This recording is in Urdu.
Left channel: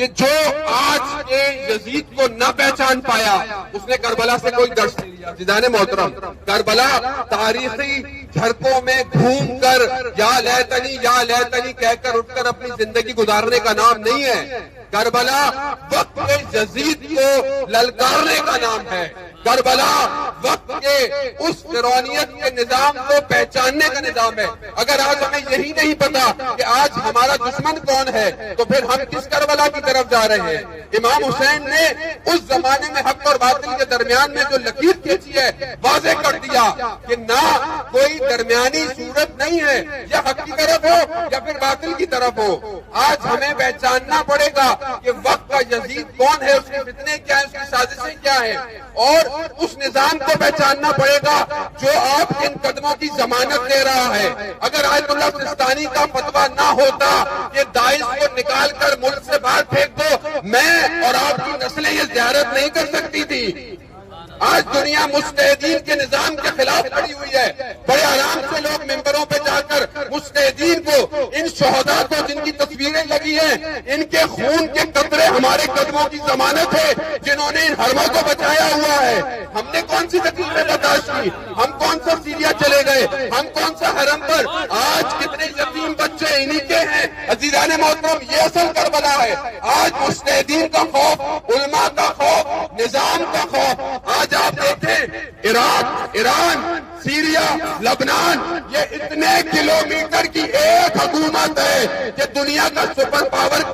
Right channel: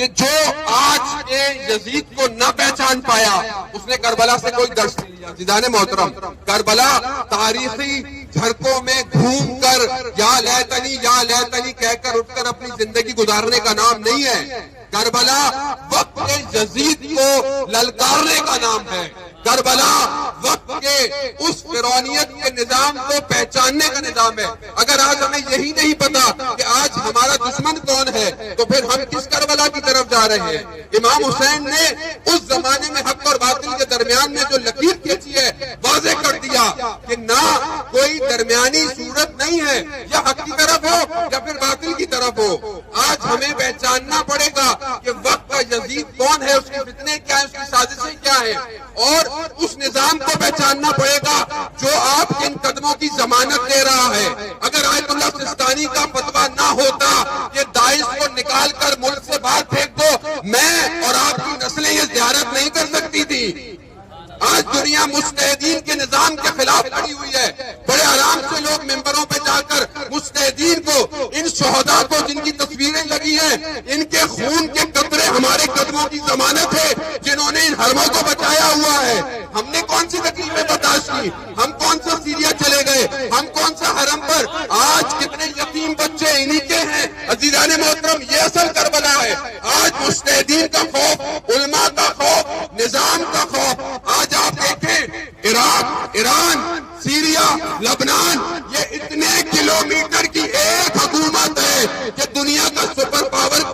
کہ جو آج کے یزید کو نہ پہچان پایا اس نے کربلا سے کوئی درس نہیں لیا۔ عزیزان محترم، کربلا تاریخی جھڑکوں میں گھوم کر یا لیتنی کہہ کر اٹھ کر اپنی زندگی گزارنے کا نام نہیں ہے۔ کربلا وقت کے یزید کو للکارنے کا نام ہے۔ کربلا وقت کے اس فرعونیت کے نظام کو پہچاننے کا نظام ہے۔ اگر آج ہمیں یہی نہیں پتا کہ آج ہمارا دشمن کون ہے تو پھر ہم کس کربلا کی طرف جا رہے ہیں؟ امام حسین نے اس زمانے میں حق اور باطل کے درمیان میں جو لکیر کھینچی ہے واضح کر دیا کہ نہ کوئی درمیانی صورت نہیں ہے، یا حق کی طرف ہو یا پھر باطل کی طرف ہو۔ آج ہمیں پہچاننا پڑے گا کہ وقت کا یزید کون ہے، اس کے فتنے کیا ہیں، اس کی سازشیں کیا ہیں، اور اس نظام کو پہچاننا پڑے گا جو آپ کے ان قدموں کی ضمانت دے رہا ہے۔ اگر آیت اللہ سستانی کا فتویٰ نہ ہوتا کہ داعش کو نکال کر ملک سے باہر پھینک دو، میں اور آپ کی نسلیں یہ زیارت نہیں کر سکتی تھی۔ آج دنیا مجتہدین کے نظام کے خلاف کھڑی ہوئی ہے۔ بڑے آرام سے لوگ ممبروں پہ جا کر مجتہدین کو، ان شہداء کو جن کی تصویریں لگی ہیں، ان کے خون کے قطرے ہمارے قدموں کی ضمانت ہے، جنہوں نے ان حرموں کو بچایا ہوا ہے۔ ہم نے کون سی تکلیفیں برداشت کی؟ ہم کون سا سیریا چلے گئے؟ ہم کون سا حرم پر؟ آج کتنے یتیم بچے انہی کے ہیں۔ عزیزان محترم، یہ اصل کربلا ہے۔ آج مجتہدین کا خوف، علماء کا خوف، نظام کا خوف۔ آج آپ دیکھیں عراق، ایران، سیریا، لبنان، یہ اتنے کلومیٹر کی ایک حکومت ہے کہ دنیا کا سپر پاور